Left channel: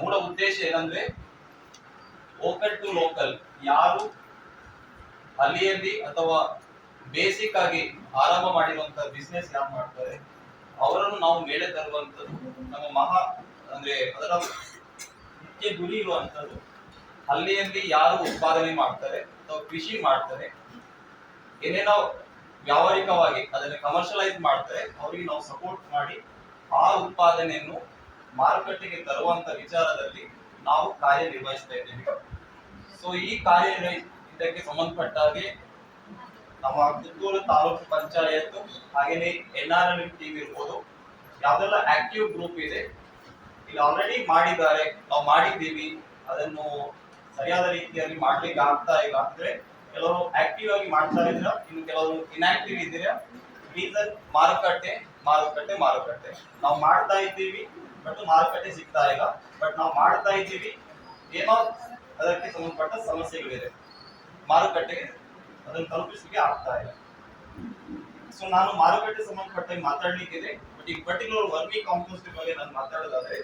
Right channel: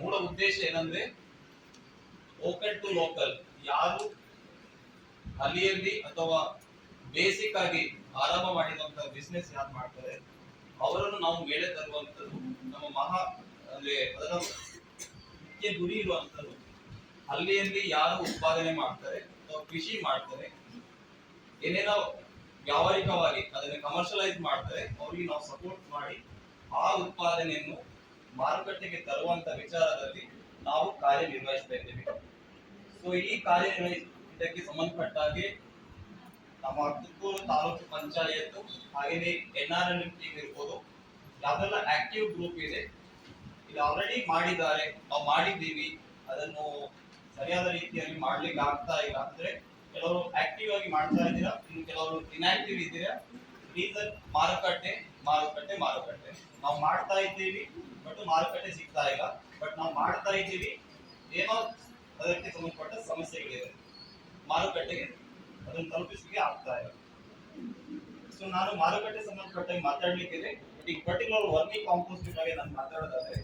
ಮೂಲ ಉದ್ದೇಶ ಏನಂದ್ರೆ ವೋಕಲ್ ಟು ಲೋಕಲ್. ಯಾರು ಅಲ್ಲಿಯಲ್ಲಿ ಅಥವಾ ಬೇಸಿಕ್ ಆಗಿ ಆರಂಭ ಮಾಡಿರುವಂತ ಬಿಸ್ನೆಸ್ ಯಾರು ಮಾಡ್ತಾರೆ ಅವರನ್ನು ನಾವು ಮೇಲೆ ತರುವಂತದ್ದು ನಮ್ಮ ಅಂದ್ರೆ ಅದರ ಮುಖ್ಯ ಗುರಿ ಇರುವಂತದ್ದು. ಹಳ್ಳಿಯಲ್ಲಿ ಯಾರು ಉತ್ಪಾದನೆ ಮಾಡ್ತಾರೆ ಅಥವಾ ಕೃಷಿ ಮಾಡ್ತಾರೆ, ಏನೇನೋ ವ್ಯಾವಹಾರಿಕವಾಗಿ ಅದನ್ನು ಕಮರ್ಷಿಯಲೈಸ್ ಮಾಡ್ತಾರೆ, ಅವರಿಗೆ ನಾವು ಸಪೋರ್ಟ್ ಮಾಡಿ ಆ ಉತ್ಪಾದನೆಯನ್ನು ಮಾರುಕಟ್ಟೆಗೆ ತರುವಂತ ವಿಚಾರದಲ್ಲಿ ನಾವು ಕಾರ್ಯನಿರ್ವಹಿಸ್ತಾ ಇದ್ದೀವಿ. ಸೊ ಈ ಇದಕ್ಕೆ ಸಂಬಂಧಪಟ್ಟ ಹಾಗೆ ನಮ್ಮ ಪುತ್ತೂರು ತಾಲೂಕು ಪಂಚಾಯತ್ ಹಾಗೇನೆ NRL ಟೀಮ್ ಇರ್ಬೋದು, ಯಾವ್ದೆಲ್ಲ ಆಕ್ಟಿವ್ ಗ್ರೂಪ್ ಇದೆ ಇಲ್ಲಿ ಆಲ್ರೆಡಿ ಮಾಡಿದ್ದಾರೆ, ನಾವು ಮಾಡಿದ್ದೀವಿ, ಅದನ್ನು ಸರಿಯಾದ ರೀತಿಯಲ್ಲಿ ಮಾಡ್ಲಿಕ್ಕೆ ಆಗ್ತಾ ಇಲ್ಲ ಅಂದ್ರೆ ಕೆಲವರು ಆಕ್ಟಿವ್ ಆಗಿ ಮಾಡ್ತಾ ಇದ್ದೀರಾ, ಇನ್ನು ಕೆಲವರು ಇನ್ಆಕ್ಟಿವ್ ಇದ್ದೀರಾ. ರೀಸನ್ ಮಾರುಕಟ್ಟೆ ಮಾರುಕಟ್ಟೆ ಮಾರುಕಟ್ಟೆ. ನಾವು ಮಾಡ್ತಾ ಇದ್ದೀವಿ ಬಟ್ ಮಾರುಕಟ್ಟೆ ಸಿಗ್ತಾ ಇಲ್ಲ. ಬಟ್ ನಾವು ಮಾಡ್ತಾ ಇದ್ದೀವಿ, ಏನೋ ಅದಕ್ಕೆ ಸಂಬಂಧಪಟ್ಟ ಸಮಸ್ಯೆಗಳಿದೆ, ಮಾರುಕಟ್ಟೆಗೆ ಅದನ್ನು ತಲುಪಿಸಲಿಕ್ಕೆ ಆಗ್ತಾ ಇಲ್ಲ. ಸೊ ನಾನು ಮಾರುಕಟ್ಟೆ ಸಂಬಂಧಪಟ್ಟ ಮಾತಾಡ್ಲಿಕ್ಕಿದೆ. ಬಟ್ ಈ ಪರ್ಟಿಕ್ಯುಲರ್ ವರ್ಮಿ ಕಾಂಪೋಸ್ಟ್ ಬಗ್ಗೆ ನಾನು ಮಾತಾಡೋದಾದ್ರೆ